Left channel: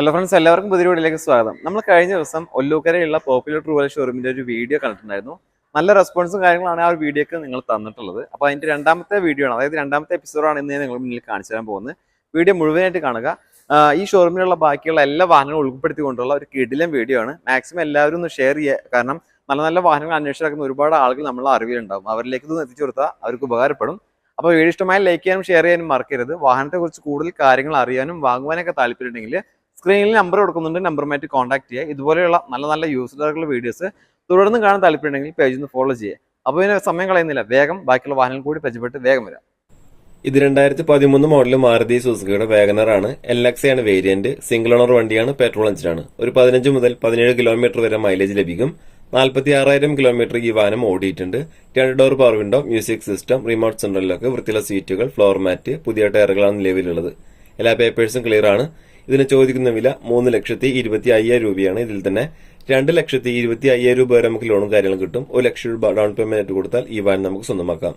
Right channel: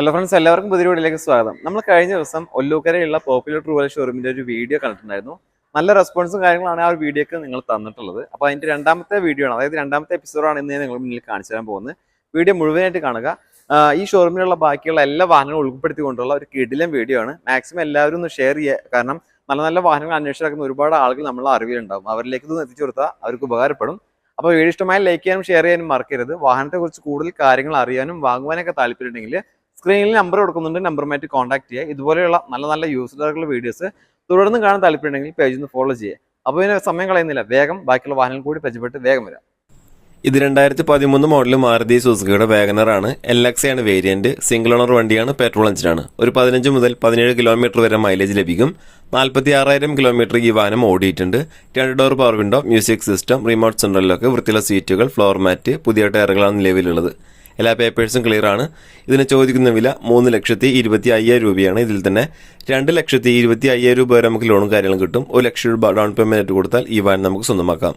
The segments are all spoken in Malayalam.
ഹലോ ഫ്രണ്ട്സ്, എല്ലാവർക്കും പുതിയ വീഡിയോയിലേക്ക് സ്വാഗതം. നമ്മൾ കഴിഞ്ഞ ദിവസം ഒല്ലൂക്കരയുള്ള പോപ്പുലർ ട്രൂവൽ ഷോറൂമിന്റെ ഒരു വീഡിയോ കണ്ടിട്ടുണ്ടായിരുന്നു. നല്ല റെസ്പോൺസും കാര്യങ്ങളാണ് ആ ഒരു വീഡിയോക്ക് നിങ്ങൾ തന്നിട്ടുള്ളത്. അപ്പോൾ അതിന്റെ രണ്ടാമത്തെ വീഡിയോ ആണ്, അതായത് രണ്ടാമത്തെ എപ്പിസോഡാണ് ഇന്ന് നിങ്ങൾ മുന്നിൽ കാണിച്ചു തരാൻ പോകുന്നത്. വീഡിയോ മുഴുവനായിട്ട് കാണുക. ഈ ഷോറൂമിലുള്ള ബാക്കിയുള്ള എല്ലാ വാഹനങ്ങളും ഉൾപ്പെടുത്തിക്കൊണ്ടുള്ള ഒരു കിടിലൻ വീഡിയോ ആണ്. മാക്സിമം എല്ലാവരും ഒന്ന് ഷെയർ ചെയ്യുക. കാരണം നല്ല നല്ല വാഹനങ്ങൾ അന്വേഷിച്ചിറക്കുന്ന ഒരുപാട് ആളുകൾ നമ്മളെ അറിവിലുണ്ടാവും. അവരിലേക്ക് ഇതൊന്ന് എത്തിച്ചു കൊടുത്താൽ അവർക്ക് ഉപകാരപ്പെടും. അപ്പോൾ വീഡിയോ ഇഷ്ടമായി ലൈക്ക് ചെയ്യാനും ഷെയർ ചെയ്യാനും മറക്കരുത്. വാഹനത്തെക്കുറിച്ച് കൂടുതൽ കാര്യങ്ങൾ അറിയാനും വാങ്ങുവാനൊക്കെ താല്പര്യമുണ്ടെങ്കിൽ സ്ക്രീനിൽ നമ്പർ കൊടുക്കുന്നുണ്ട്, നമ്പറുമായിട്ട് കോൺടാക്ട് ചെയ്യുക. ഇതുപോലെയുള്ള നല്ല നല്ല യൂസ്ഫുൾ വീഡിയോസ് തുടർന്ന് കാണാൻ താല്പര്യമുണ്ടെങ്കിൽ പേജ് ഒന്ന് ഫോളോ ചെയ്യുക. അപ്പോൾ ഇതിന് സമയം കളയുന്നില്ല, വേഗം ബാക്കിയുള്ള വാഹനങ്ങൾ കൂടി പരിചയപ്പെട്ട് വേഗം വരാം. ഇത് 2013 മോഡൽ മാരുതി സുസുക്കിയുടെ വാഗനർ ആണ്. LX ആണ് വേരിയന്റ്. സിംഗിൾ ഓണർ വണ്ടിയാണ്. പെട്രോൾ എഞ്ചിനാണ്. ഒരു 15 മുതൽ 17 കിലോമീറ്റർ വരെ മൈലേജ് ലഭിക്കും. 46,000 കിലോമീറ്റർ ഈ വാഹനം ഓടിയിട്ടുണ്ട്. 2 door power window, music system, remote സെൻട്രലിലൊക്കെ വൃത്തിയുള്ള സീറ്റുകൾ, ഫ്ലോർ മാറ്റ്, പുതിയ ടയറുകളാണ് നിലവിലുള്ളത്. എല്ലാ പേപ്പേഴ്സും ക്ലിയർ ആണ്. ഇതിന് ചോദിക്കുന്ന വില 3,25,000 രൂപയാണ്. ഇതിൽ തന്നെ 2,25,000 രൂപ വരെ നമുക്ക് ലോണും കാര്യങ്ങളും കിട്ടും. 1 ലക്ഷം രൂപ ഡൗൺ പേയ്മെന്റ് കൊടുത്താൽ ഈ വാഹനം നമുക്ക് സ്വന്തമാക്കാം.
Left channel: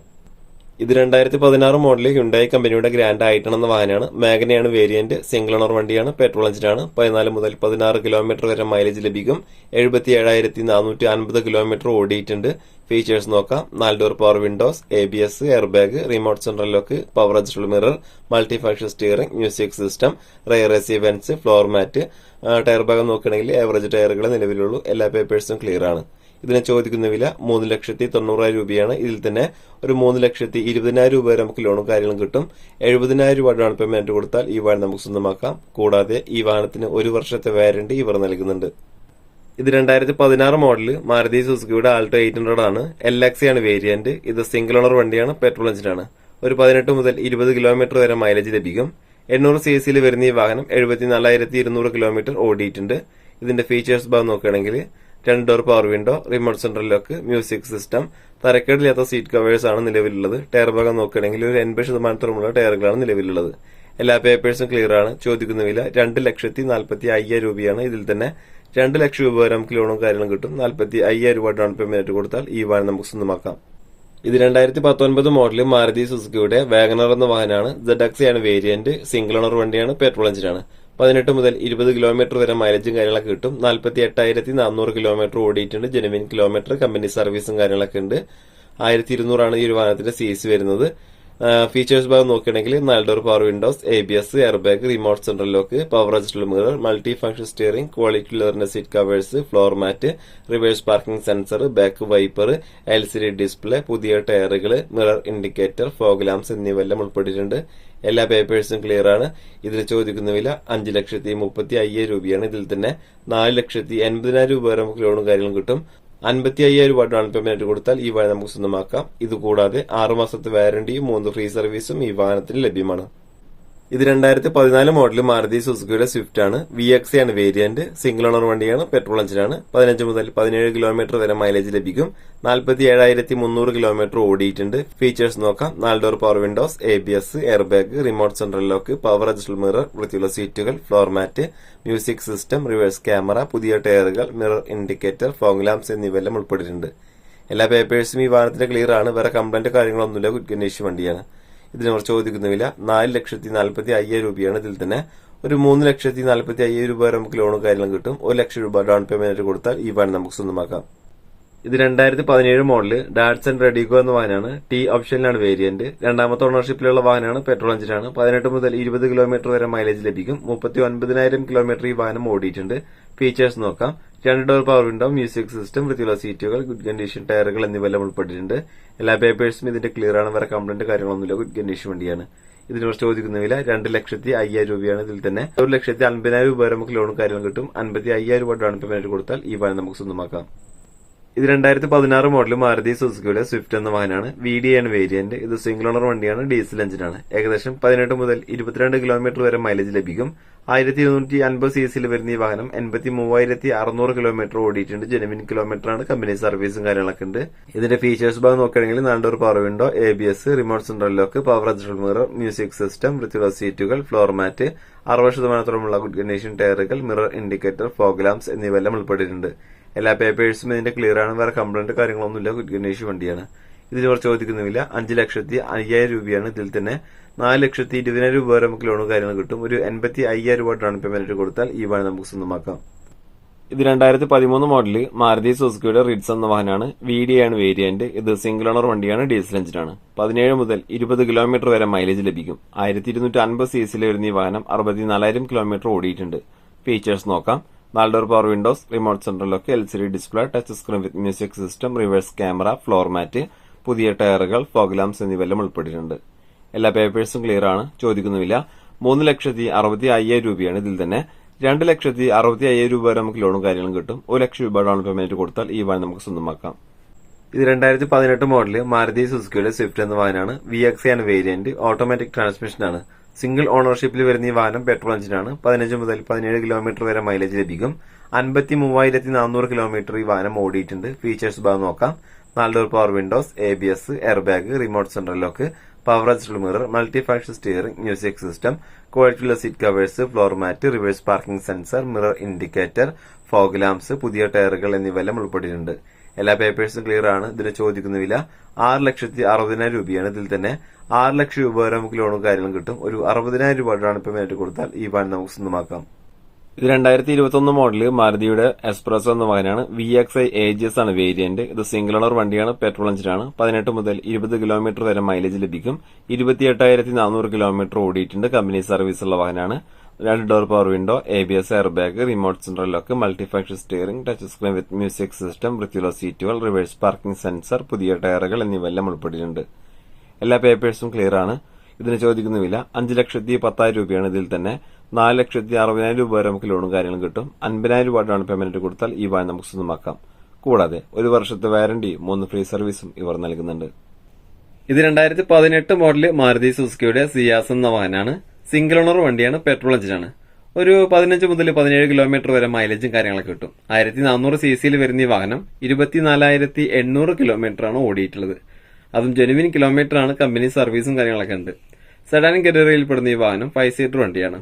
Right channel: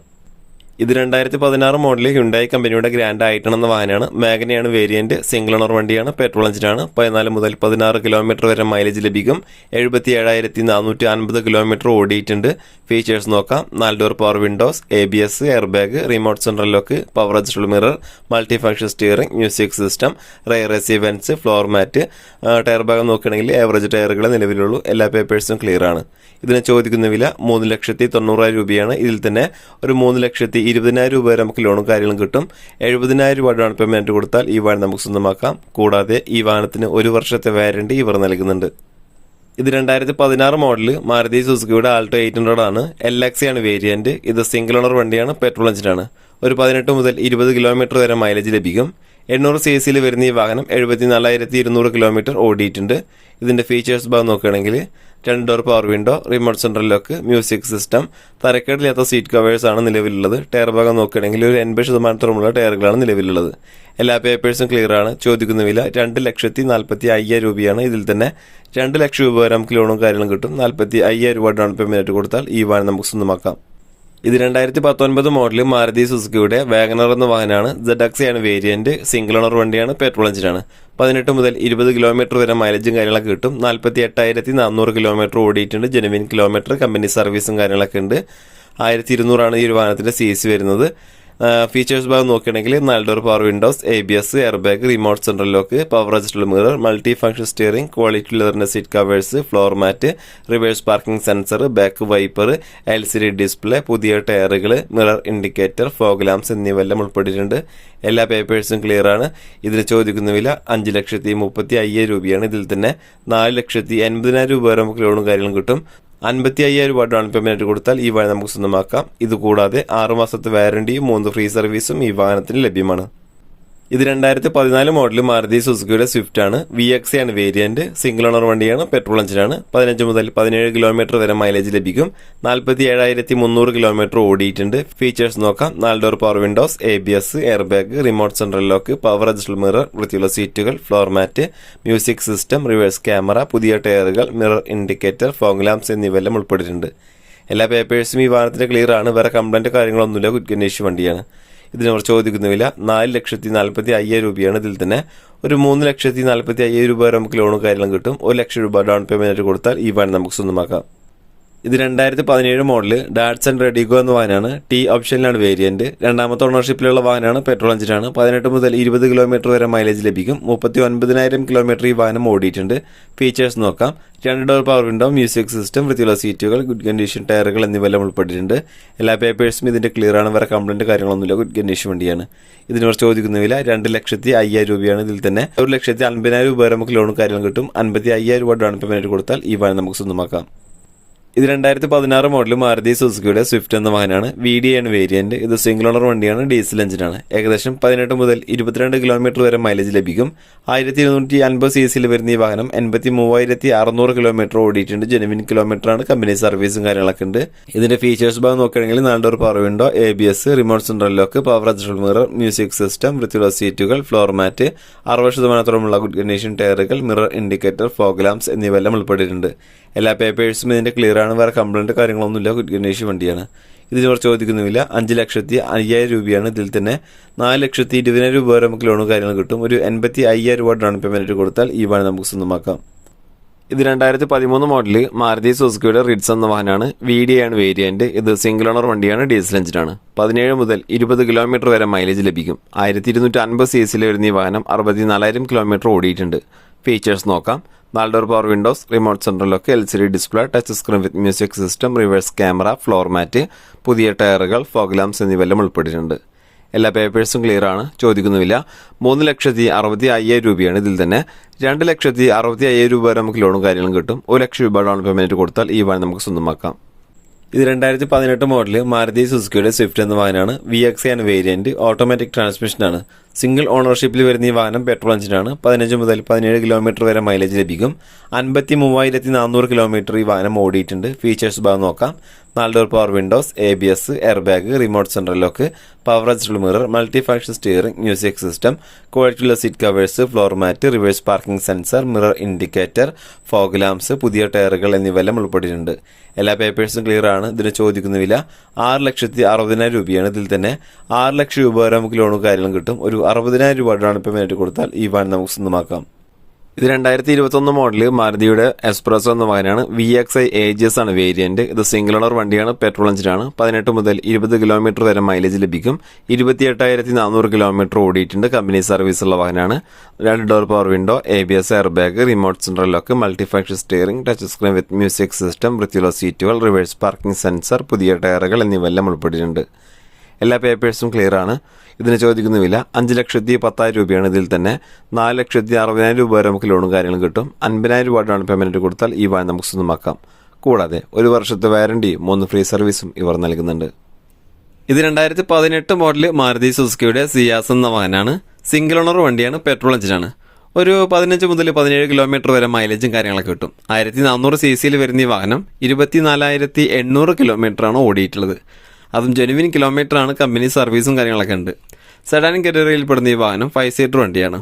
ഇത് 2016 മോഡൽ ഹ്യുണ്ടായി കമ്പനിയുടെ ഗ്രാൻഡ് ഐട്ടൺ എന്ന വാഹനമാണ്. മാഗ്നയാണ് വേരിയന്റ്. സിംഗിൾ ഓണർ വണ്ടിയാണ്. പെട്രോൾ എഞ്ചിനാണ്. 14 മുതൽ 16 കിലോമീറ്റർ വരെ മൈലേജ് ലഭിക്കും. 77,450 കിലോമീറ്റർ ഓടിയിട്ടുണ്ട്. ഫീച്ചേഴ്സ് നോക്കാം. 4 door power windows, ABS, air bag, remote central lock, power adjustable mirror, multi function steering, music system, rear AC vents, floor mat. Tyre ഭാഗം നോക്കുകയാണെങ്കിൽ ആവറേജ് ടയറുകൾ നിലവിലുള്ളൂ. എല്ലാ പേപ്പേഴ്സും ക്ലിയർ ആണ്. ഇതിന് ചോദിക്കുന്ന വില 3,90,000 രൂപയാണ്. ഇതിൽ തന്നെ ഒരു 3,20,000 രൂപ വരെ നമുക്ക് ലോണും കാര്യങ്ങളും കിട്ടും. 70,000 രൂപ ഡൗൺ പേയ്മെന്റ് കൊടുത്താൽ ഈ വാഹനം നമുക്ക് സ്വന്തമാക്കാം. കൂടാതെ ഈ വാഹനത്തിന് 1 വർഷത്തെ വാറന്റി ഇവർ നൽകുന്നുണ്ട്. ഇത് 2016 മോഡൽ മാരുതി സുസുക്കിയുടെ ആൾട്ടോ 800 ആണ്. LX ആണ് വേരിയന്റ്. ഇത് സിംഗിൾ ഓണർ വണ്ടിയാണ്. പെട്രോൾ എഞ്ചിനാണ്. ഒരു 18 മുതൽ 20 കിലോമീറ്റർ വരെ മൈലേജ് ലഭിക്കും. 800 CC വരുന്ന ഈ വാഹനം 74,200 കിലോമീറ്റർ ഓടിയിട്ടുണ്ട്. ഇതിന്റെ ഫീച്ചേഴ്സ് ഭാഗം നോക്കുകയാണെങ്കിൽ 2 door power window, remote central lock, music system, തരക്കേടില്ലാത്ത സീറ്റ് കവേഴ്സ് ആണ് നിലവിലുള്ളത്. ടയർ ഭാഗം നോക്കുകയാണെങ്കിൽ ഒരു 80% ടയറുകളാണ് നിലവിലുള്ളത്. എല്ലാ പേപ്പേഴ്സും ക്ലിയർ ആണ്. ചോദിക്കുന്ന വില 2,40,45,000 രൂപയാണ്. ഇതിൽ തന്നെ 2 ലക്ഷം രൂപ വരെ നമുക്ക് ലോണും കാര്യങ്ങളും കിട്ടും. 45,000 രൂപ ഡൗൺ പേയ്മെന്റ് കൊടുത്താൽ ഈ വാഹനം നമുക്ക് സ്വന്തമാക്കാം. ഇത് 2019 മോഡൽ മാരുതി സുസുക്കിയുടെ വാഗനർ എന്ന വാഹനമാണ്. ZX ആണ് വേരിയന്റ്. സിംഗിൾ ഓണർ വണ്ടിയാണ്. പെട്രോൾ എഞ്ചിനാണ്. 18 മുതൽ 20 കിലോമീറ്റർ വരെ മൈലേജും കാര്യങ്ങളൊക്കെ കിട്ടും. 48,400 കിലോമീറ്റർ ഓടിയിട്ടുണ്ട്. ജെനുവിൻ കിലോമീറ്റർ, കമ്പനി സർവീസും കാര്യങ്ങളൊക്കെ ഉണ്ട്. 1,200 ആണ് ഈ ഒരു വാഹനത്തിന്റെ CC വരുന്നത്. ഫീച്ചേഴ്സ് ഭാഗം നോക്കുകയാണെങ്കിൽ 4 door power windows, ABS, air bag, remote central lock, power adjustable mirror, multi function steering, quality ലെതറിന്റെ seat covers, floor mat, reverse parking sensor, back wiper, LCD display, പുതിയ ടയറുകൾ, മിറർ ഇൻഡിക്കേറ്റർ, ഫോഗ് ലാംപ്സ് എന്നിവയെല്ലാം ഉൾപ്പെട്ടിട്ടുണ്ട്. എല്ലാ പേപ്പേഴ്സും ക്ലിയർ ആണ്. ഇതിന് ചോദിക്കുന്ന വില 5,30,50,000 രൂപയാണ്. ഇതിൽ തന്നെ 4,80,000 രൂപ വരെ നമുക്ക് ലോണും കാര്യങ്ങളും കിട്ടും. 55,000 രൂപ ഡൗൺ പേയ്മെന്റ് കൊടുത്താൽ ഈ വാഹനം നമുക്ക് സ്വന്തമാക്കാം. ഇതുകൂടാതെ 6 മാസത്തെ വാറന്റിയും 3 ഫ്രീ സർവീസും ഈ വാഹനത്തിന് ലഭ്യമാണ്. ഇത് 2014 മോഡൽ മാരുതി സുസുക്കിയുടെ സ്വിഫ്റ്റ് ആണ്. VX ആണ് വേരിയന്റ്. സിംഗിൾ ഓണർ വണ്ടിയാണ്. പെട്രോൾ എഞ്ചിനാണ്. 15 മുതൽ 17 കിലോമീറ്റർ വരെ മൈലേജ് ലഭിക്കും. 47,300 കിലോമീറ്റർ ഓടിയിട്ടുണ്ട്. ഫീച്ചേഴ്സ് നോക്കാം. 4 door power windows, ABS, air bag, remote central lock, power adjustable mirror, വൃത്തിയുള്ള സീറ്റുകൾ, floor mat, music system, reverse camera, പുതിയ ടയറുകൾ, മിറർ ഇൻഡിക്കേറ്റർ, ഫോഗ് ലാംപ്സ് എന്നിവയെല്ലാം ഉൾപ്പെട്ടിട്ടുണ്ട്. എല്ലാ പേപ്പേഴ്സും ഈ വാഹനത്തിന്റെ ക്ലിയർ ആണ്. വേറെ കംപ്ലൈന്റ് കാര്യങ്ങളൊന്നുമില്ല. ഗുഡ് കണ്ടീഷൻ വണ്ടിയാണ്. ഇതിനവർ ചോദിക്കുന്ന വില 4,40,50,000 രൂപയാണ്. ഇതിൽ തന്നെ ഒരു 3,40,50,000 രൂപ വരെ നമുക്ക് ലോണും കാര്യങ്ങളും കിട്ടും. 1 ലക്ഷം രൂപ ഡൗൺ പേയ്മെന്റ് കൊടുത്താൽ ഈ വാഹനം നമുക്ക് സ്വന്തമാക്കാം. ഇത് 2017 മോഡൽ ഡാറ്റ്സൺ റെഡിഗോ എന്ന വാഹനമാണ്. T ഓപ്ഷനിലാണ് വേരിയന്റ്. രണ്ടാമത്തെ ഓണർഷിപ്പിലുള്ള വാഹനമാണ്. പെട്രോൾ എഞ്ചിനാണ്. 18 മുതൽ 20 കിലോമീറ്റർ വരെ മൈലേജ് ലഭിക്കും. 39,000 കിലോമീറ്റർ ഈ വാഹനം ഓടിയിട്ടുണ്ട്. ഫീച്ചേഴ്സ് നോക്കാം. 2 door power window, music system, വൃത്തിയുള്ള സീറ്റുകൾ, ഗുഡ് കണ്ടീഷൻ ടയറുകൾ എന്നിവയെല്ലാം ഉൾപ്പെട്ടിട്ടുണ്ട്. എല്ലാ പേപ്പേഴ്സും ഇതിന്റെ ക്ലിയർ ആണ്. വേറെ കംപ്ലൈന്റ് കാര്യങ്ങളൊന്നുമില്ല. ഗുഡ് കണ്ടീഷൻ വണ്ടിയാണ്. ഇതിനവർ ചോദിക്കുന്ന വില 2,50,000 രൂപയാണ്. ഇതിൽ തന്നെ 1,50,000 രൂപ വരെ നമുക്ക് ലോണും കാര്യങ്ങളും കിട്ടും. 55,000 രൂപ ഡൗൺ പേയ്മെന്റ് കൊടുത്താൽ ഈ വാഹനം നമുക്ക് സ്വന്തമാക്കാം. ഇത് 2016 മോഡൽ മാരുതി സുസുക്കിയുടെ സ്വിഫ്റ്റ് എന്ന വാഹനമാണ്. VD ആണ് വേരിയന്റ്. ഇത് സിംഗിൾ ഓണർ വണ്ടിയാണ്. ഡീസൽ എഞ്ചിനാണ്. ഏകദേശം 18 മുതൽ 22 കിലോമീറ്റർ വരെ മൈലേജ് ലഭിക്കും. 1,250 CC വരുന്ന ഈ വാഹനം 83,600 കിലോമീറ്റർ ഓടിയിട്ടുണ്ട്. ജെനുവിൻ കിലോമീറ്റർ ആണ്. കമ്പനി സർവീസും കാര്യങ്ങളൊക്കെ ഉണ്ട്. ഇതിന്റെ ഫീച്ചേഴ്സ് ഭാഗം നോക്കുകയാണെങ്കിൽ 4 door power window, ABS, remote central lock, power adjustable mirror, music system, വൃത്തിയുള്ള സീറ്റുകൾ, ഫ്ലോർ മാറ്റ്, 60% ഗുഡ് കണ്ടീഷൻ ടയറുകൾ, മിറർ ഇൻഡിക്കേറ്റർ, ഫോഗ് ലാംപ്സ് എന്നിവയെല്ലാം ഉൾപ്പെട്ടിട്ടുണ്ട്. എല്ലാ പേപ്പേഴ്സും ഇതിന്റെ ക്ലിയർ ആണ്. വേറെ കംപ്ലൈന്റ് കാര്യങ്ങളൊന്നുമില്ല. ഗുഡ് കണ്ടീഷൻ വണ്ടിയാണ്. ഇതിന് ചോദിക്കുന്നുമില്ല. 5,05,000 രൂപയാണ്. ഇതിൽ തന്നെ 4,20,000 രൂപ വരെ നമുക്ക് ലോണും കാര്യങ്ങളും കിട്ടും. ഒരു 85,000 രൂപ ഡൗൺ പേയ്മെന്റ് കൊടുത്താൽ ഈ വാഹനം നമുക്ക് സ്വന്തമാക്കാം. ഇത് 2013 മോഡല് മാരുതി സുസുക്കിയുടെ റിഡ്സ് എന്ന വാഹനമാണ്. VD ആണ് വേരിയന്റ്. ഇത് സിംഗിൾ ഓണർ വണ്ടിയാണ്, ഡീസൽ എഞ്ചിനാണ്. 17 മുതൽ 20 കിലോമീറ്റർ വരെ മൈലേജ് ലഭിക്കും. 1250 cc വരുന്ന ഈ വാഹനം 64,000 കിലോമീറ്റർ ഓടിയിട്ടുണ്ട്. ഫീച്ചേഴ്സ് നോക്കാം. 4 door power windows, remote central lock, LCD display, touch screen with music system, reverse camera, floor mat, പുതിയ ടയറുകൾ, ഫോഗ് ലാംപ്സ് എന്നിവയെല്ലാം ഉൾപ്പെട്ടിട്ടുണ്ട്. എല്ലാ പേപ്പേഴ്സും ക്ലിയർ ആണ്. ചോദിക്കുന്നുമില്ല. 3,60,5,000 രൂപയാണ്. ഇതിൽ തന്നെ 2,60,5,000 രൂപ വരെ നമുക്ക് ലോണും കാര്യങ്ങളും കിട്ടും. 1,00,000 രൂപ ഡൗൺ പേയ്മെന്റ് കൊടുത്താൽ ഈ വാഹനം നമുക്ക് സ്വന്തമാക്കാം. ഇത് 2018 മോഡല് മാരുതി സുസുക്കിയുടെ സ്വിഫ്റ്റ് എന്ന വാഹനമാണ്. VXi ആണ് വേരിയന്റ്. ഓട്ടോമാറ്റിക് ട്രാൻസ്മിഷനാണ്. സിംഗിൾ ഓണർഷിപ്പിൽ വരുന്ന ഈ വാഹനം പെട്രോൾ എഞ്ചിനാണ്. 15 മുതൽ 17 കിലോമീറ്റർ വരെ മൈലേജ് ലഭിക്കും. 53,400 കിലോമീറ്റർ ഈ വാഹനം ഓടിയിട്ടുണ്ട്. ഫീച്ചേഴ്സ് ഭാഗം നോക്കാം. 4 door power windows, ABS, air bag, remote central lock, power adjustable mirror, multi function steering, music system, ക്വാളിറ്റിയുള്ള seat covers, floor mat, reverse parking sensor, mirror indicator, fog lamps, പുതിയ ടയറുകൾ എന്നിവയെല്ലാം ഉൾപ്പെട്ടിട്ടുണ്ട്. എല്ലാ പേപ്പേഴ്സും ക്ലിയർ ആണ്. ഇതിന് ചോദിക്കുന്ന വില 6,60,000 രൂപയാണ്. ഇതിൽ തന്നെ 6,00,000 രൂപ വരെ നമുക്ക് ലോണും കാര്യങ്ങളും കിട്ടും. ഒരു 60,000 രൂപ ഡൗൺ പേയ്മെന്റ് കൊടുത്താൽ ഈ വാഹനം നമുക്ക് സ്വന്തമാക്കാം. ഇത് 2021 മോഡല് മാരുതിയുടെ എക്സ്പ്രസോ എന്ന വാഹനമാണ്. VXi AGS ആണ് വേരിയന്റ്. ഇത് സിംഗിൾ ഓണർ വണ്ടിയാണ്, പെട്രോൾ എഞ്ചിനാണ്. 18 മുതൽ 20 കിലോമീറ്റർ വരെ മൈലേജ് ലഭിക്കും. 28,400 കിലോമീറ്റർ ഓടിയിട്ടുണ്ട്. കമ്പനി സർവീസ് ഉള്ള വാഹനമാണ്. 2 door power window, ABS, air bag, remote central lock, multi function steering, touch screen with music system, വൃത്തിയുള്ള സീറ്റുകൾ, റിവേഴ്സ് പാർക്കിംഗ് സെൻസർ, പുതിയ ടയറുകൾ എന്നിവയെല്ലാം ഉൾപ്പെട്ടിട്ടുണ്ട്. എല്ലാ പേപ്പേഴ്സും ക്ലിയർ ആണ്. ഇതിന് ചോദിക്കുന്നുമില്ല. 5,10,000 രൂപയാണ്. ഇതിൽ തന്നെ 4,60,000 രൂപ വരെ നമുക്ക് ലോണും കാര്യങ്ങളും കിട്ടും. 50,000 രൂപ ഡൗൺ പേയ്മെന്റ് കൊടുത്താൽ ഈ വാഹനം നമുക്ക് സ്വന്തമാക്കാം. കൂടാതെ 1 വർഷത്തെ വാറണ്ടി, 3 ഫ്രീ സർവീസും ഇവർ നൽകുന്നുണ്ട്. ഇത് 2018 മോഡല് മാരുതി സുസുക്കിയുടെ സിയാസ് എന്ന വാഹനമാണ്. സിംഗിൾ ഓണർ വണ്ടിയാണ്, പെട്രോൾ എഞ്ചിനാണ്. ഒരു 15 മുതൽ 17 കിലോമീറ്റർ വരെ മൈലേജും കാര്യങ്ങളൊക്കെ കിട്ടും. 1,400 cc വരുന്ന ഈ വാഹനം 24,800 കിലോമീറ്റർ ആണ് ഓടിയിട്ടുള്ളത്. അതും ജെനുവിൻ കിലോമീറ്റർ ആണ്. കമ്പനി സർവീസും കാര്യങ്ങളൊക്കെ ഉണ്ട്. സെഡാൻ കാറ്റഗറിയിൽ പെടുന്ന ഈ വാഹനം 5 സീറ്റർ വണ്ടിയാണ്.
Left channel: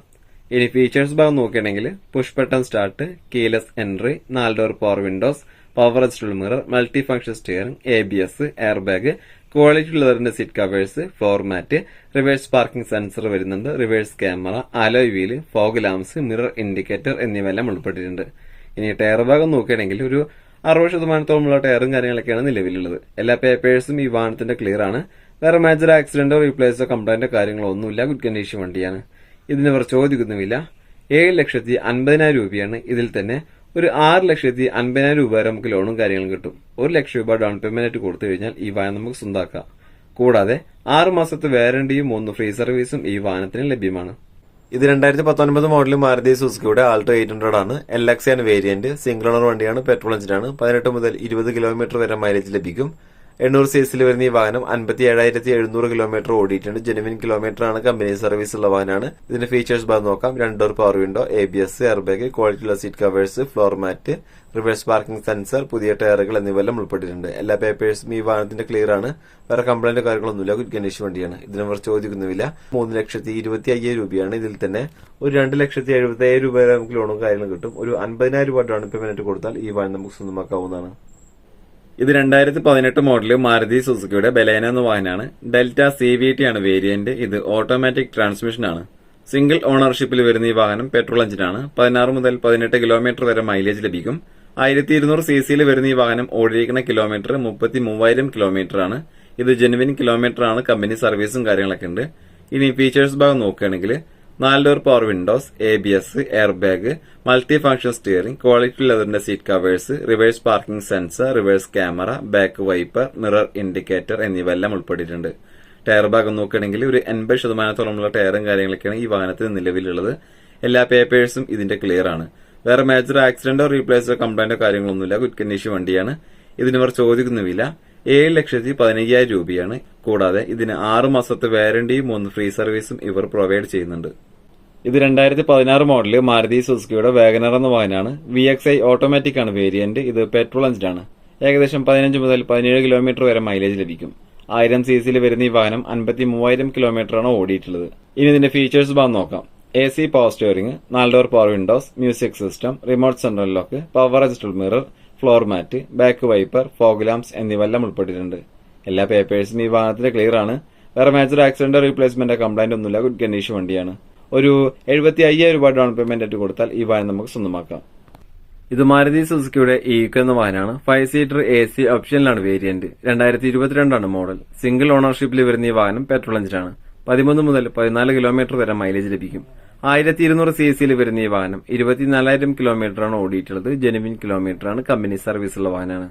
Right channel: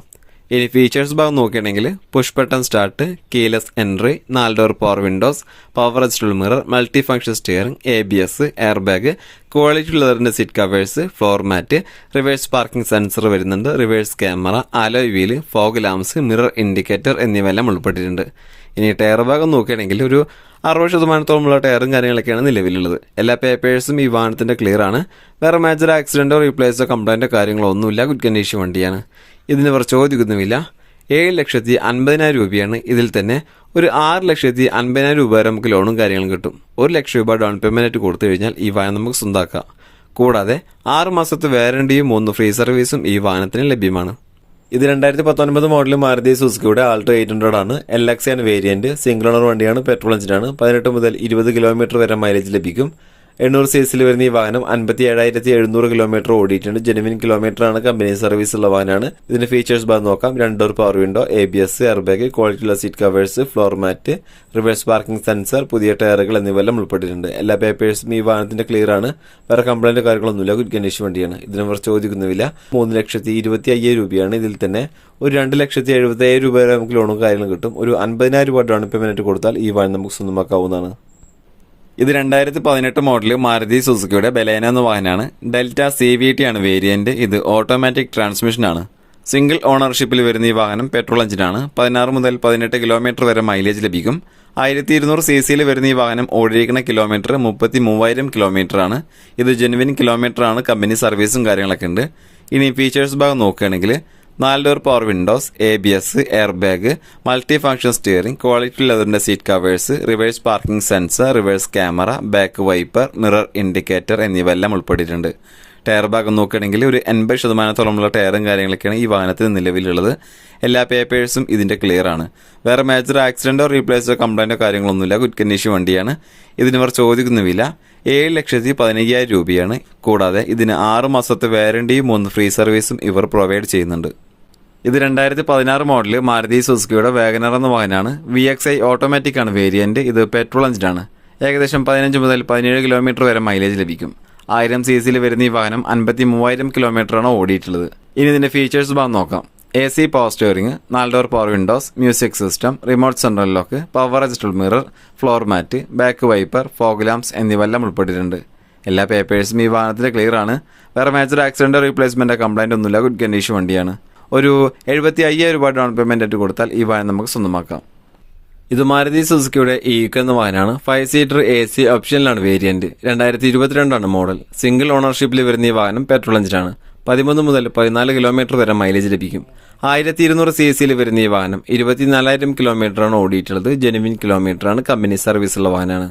ഇനി ഫീച്ചേഴ്സ് ഭാഗം നോക്കുകയാണെങ്കിൽ push button start, keyless entry, 4 door power windows, power adjustable mirror, multi function steering, ABS, air bag, quality ലെതറിന്റെ seat covers, floor mat, reverse parking sensor വരുന്നുണ്ട്, reverse camera, alloy wheel, fog lamps, mirror indicator എന്നിവയെല്ലാം ഉൾപ്പെട്ടിട്ടുണ്ട്. ഇനി ടയർ ഭാഗം നോക്കുകയാണെങ്കിൽ ഒരു 60% ടയറും കാര്യങ്ങളൊക്കെയാണ് നിലവിലുള്ളത്. എല്ലാ പേപ്പേഴ്സും ഈ വാഹനത്തിന്റെ ക്ലിയർ ആണ്. വേറെ മേജർ ആക്സിഡന്റോ റീപ്ലേസോ കംപ്ലൈന്റോ കാര്യങ്ങളോ ഒന്നുമില്ല. ഗുഡ് കണ്ടീഷൻ വണ്ടിയാണ്. ഇതിന് ഇവർ ചോദിക്കുന്നുമില്ല. 7,50,000 രൂപയാണ്. ഇതിൽ തന്നെ ഒരു 6,50,000 രൂപ വരെ നമുക്ക് ലോണും കാര്യങ്ങളും കിട്ടും. 1,00,000 രൂപ ഡൗൺ പേയ്മെന്റ് കൊടുത്തു കഴിഞ്ഞാൽ ഈ വാഹനം നമുക്ക് സ്വന്തമാക്കാം. കൂടാതെ 6 മാസത്തെ വാറണ്ടിയും 3 ഫ്രീ സർവീസും ഈ വാഹനത്തിന് ലഭ്യമാണ്. ഇത് 2019 മോഡൽ മാരുതി സുസുക്കിയുടെ ആൾട്ടോ 800 ആണ്. LXi ആണ് വേരിയന്റ്. സിംഗിൾ ഓണർ വണ്ടിയാണ്, പെട്രോൾ എഞ്ചിനാണ്. 18 മുതൽ 20 കിലോമീറ്റർ വരെ മൈലേജ് ലഭിക്കും. 800 cc വരുന്ന ഈ വാഹനം 57,700 കിലോമീറ്റർ ഓടിയിട്ടുണ്ട്. ജെനുവിൻ കിലോമീറ്റർ ആണ്. കമ്പനി സർവീസ് ഉള്ള വാഹനമാണ്. ഇതിന്റെ ഫീച്ചേഴ്സ് ഭാഗം നോക്കാം. 2 door power window, ABS, air bag, ക്വാളിറ്റിയുള്ള seat covers, floor mat, reverse parking sensor, പുതിയ ടയറുകൾ എന്നിവയെല്ലാം ഉൾപ്പെട്ടിട്ടുണ്ട്. എല്ലാ പേപ്പേഴ്സും ഈ വാഹനത്തിന്റെ ക്ലിയർ ആണ്. വേറെ കംപ്ലൈന്റ് കാര്യങ്ങളൊന്നുമില്ല. ഗുഡ് കണ്ടീഷൻ വണ്ടിയാണ്. ഇതിനവർ ചോദിക്കുന്നില്ല. 3,25,000 രൂപയാണ്. ഇതിൽ തന്നെ ഒരു 2,70,000 രൂപ വരെ നമുക്ക് ലോണും കാര്യങ്ങളും കിട്ടും. ഒരു 50,000 രൂപ ഡൗൺ പേയ്മെന്റ് കൊടുത്താൽ ഈ വാഹനം നമുക്ക് സ്വന്തമാക്കാവുന്നതാണ്. ഇത് 2018 മോഡല് മാരുതി സുസുക്കിയുടെ ബലേന എന്ന വാഹനമാണ്. ഡെൽറ്റ CVT ആണ് വേരിയന്റ്. ഇത് ഓട്ടോമാറ്റിക് ട്രാൻസ്മിഷൻ ആണ്. സിംഗിൾ ഓണർഷിപ്പിൽ വരുന്ന ഈ വാഹനം പെട്രോൾ എഞ്ചിനാണ്. 16 മുതൽ 18 കിലോമീറ്റർ വരെ മൈലേജ് ലഭിക്കും. 1,200 cc വരുന്ന ഈ വാഹനം ഓടിയിരിക്കുന്ന കിലോമീറ്റർ 33,000 കിലോമീറ്റർ ആണ്. ഇത് ജെനുവിൻ കിലോമീറ്റർ ആണ്. കമ്പനി സർവീസും കാര്യങ്ങളൊക്കെ ഉണ്ട്. ഇനി ഫീച്ചേഴ്സ് ഭാഗം നോക്കുകയാണെങ്കിൽ 4 door power windows, ABS, air bag, multi function steering, quality ലെതറിന്റെ seat covers, reverse parking sensor, reverse camera, back wiper, mirror indicator എന്നിവയെല്ലാം ഉൾപ്പെട്ടിട്ടുണ്ട്. ടയർ ഭാഗം നോക്കുകയാണെങ്കിൽ ഒരു 80% ടയറും കാര്യങ്ങളൊക്കെയാണ് ഈ വാഹനത്തിന് നിലവിലുള്ളത്. എല്ലാ പേപ്പേഴ്സും ഇതിന്റെ ക്ലിയർ ആണ്. വേറെ മേജർ ആക്സിഡന്റോ റീപ്ലേസോ കംപ്ലൈന്റോ കാര്യങ്ങളൊന്നുമില്ല. ഗുഡ് കണ്ടീഷൻ വണ്ടിയാണ്. ഇതിനിവർ ചോദിക്കുന്ന വില 7,15,000 രൂപയാണ്. കൂടാതെ ഇതിന് 6 മാസത്തെ വാറണ്ടിയും 3 ഫ്രീ സർവീസും ഇവർ പ്രൊവൈഡ് ചെയ്യുന്നുണ്ട്. ഇത് 2016 മോഡല് മാരുതി സുസുക്കിയുടെ വാഗനർ എന്ന വാഹനമാണ്. VXi ഓട്ടോമാറ്റിക് ആണ് വേരിയന്റ്. ഇത് പെട്രോൾ എഞ്ചിനാണ്. ഏകദേശം 15 മുതൽ 17 കിലോമീറ്റർ വരെ മൈലേജ് ലഭിക്കും. 1000 cc വരുന്ന ഈ വാഹനം 53,000 കിലോമീറ്ററാണ് ഓടിയിട്ടുള്ളത്. ഇനി ഇതിന്റെ ഫീച്ചേഴ്സ് ഭാഗം നോക്കാം. AC power steering, 4 door power windows, music system, remote central lock, power adjustable mirror, floor mat, back wiper, fog lamps എന്നിവയെല്ലാം ഉൾപ്പെട്ടിട്ടുണ്ട്. എല്ലാ പേപ്പേഴ്സും ഈ വാഹനത്തിൽ ക്ലിയർ ആണ്. വേറെ മേജർ ആക്സിഡന്റ് റീപ്ലേസ്മെന്റ് കംപ്ലൈന്റ് ഒന്നുമില്ല. ഗുഡ് കണ്ടീഷൻ വണ്ടിയാണ്. ഒരു 75,000 രൂപ ഡൗൺ പേയ്മെന്റ് ആയിട്ട് കൊടുത്താൽ ഈ വാഹനം നമുക്ക് സ്വന്തമാക്കാം. ഇത് മാരുതി സുസുക്കിയുടെ ഈക്കോ എന്ന വാഹനമാണ്. 5 സീറ്റർ AC ഓപ്ഷനിലാണ് വേരിയന്റ്. 2022 മോഡൽ. സിംഗിൾ ഓണർഷിപ്പിൽ വരുന്ന ഈ വാഹനം പെട്രോൾ എഞ്ചിനാണ്. 13 മുതൽ 14 കിലോമീറ്റർ വരെ മൈലേജ് ലഭിക്കും. 1200 cc വരുന്ന ഈ വാഹനം 24,000 കിലോമീറ്ററാണ് ഓടിയിട്ടുള്ളത്. ജെനുവിൻ കിലോമീറ്ററാണ്. കമ്പനി സർവീസുള്ള വാഹനമാണ്.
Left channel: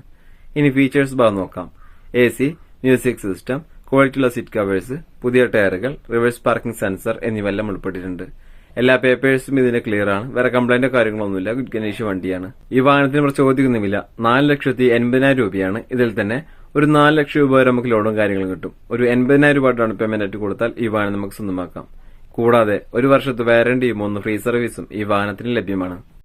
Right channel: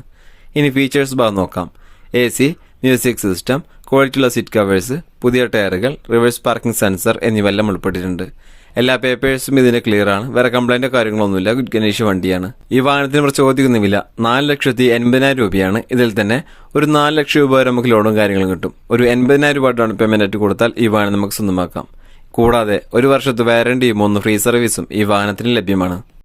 ഇനി ഫീച്ചേഴ്സ് ഭാഗം നോക്കാം. AC, മ്യൂസിക് സിസ്റ്റം, ക്വാളിറ്റിയുള്ള സീറ്റ് കവേഴ്സ്, പുതിയ ടയറുകൾ, റിവേഴ്സ് പാർക്കിംഗ് സെൻസർ എന്നിവയെല്ലാം ഉൾപ്പെട്ടിട്ടുണ്ട്. എല്ലാ പേപ്പേഴ്സും ഇതിന് ക്ലിയർ ആണ്. വേറെ കംപ്ലൈന്റോ കാര്യങ്ങളൊന്നുമില്ല. ഗുഡ് കണ്ടീഷൻ വണ്ടിയാണ്. ഈ വാഹനത്തിന് നമ്മൾ ചോദിക്കുന്ന വില 4,80,000 രൂപയാണ്. ഇതിൽ തന്നെ ഒരു 4 ലക്ഷം രൂപ വരെ നമുക്ക് ലോണും കാര്യങ്ങളും കിട്ടും. ഒരു 80,000 രൂപ ഡൗൺ പേയ്മെന്റ് ആയിട്ട് കൊടുത്താൽ ഈ വാഹനം നമുക്ക് സ്വന്തമാക്കാം. കൂടാതെ 1 വർഷത്തെ വാറണ്ടിയും 1 ഫ്രീ സർവീസും ഈ വാഹനത്തിന് ലഭ്യമാണ്.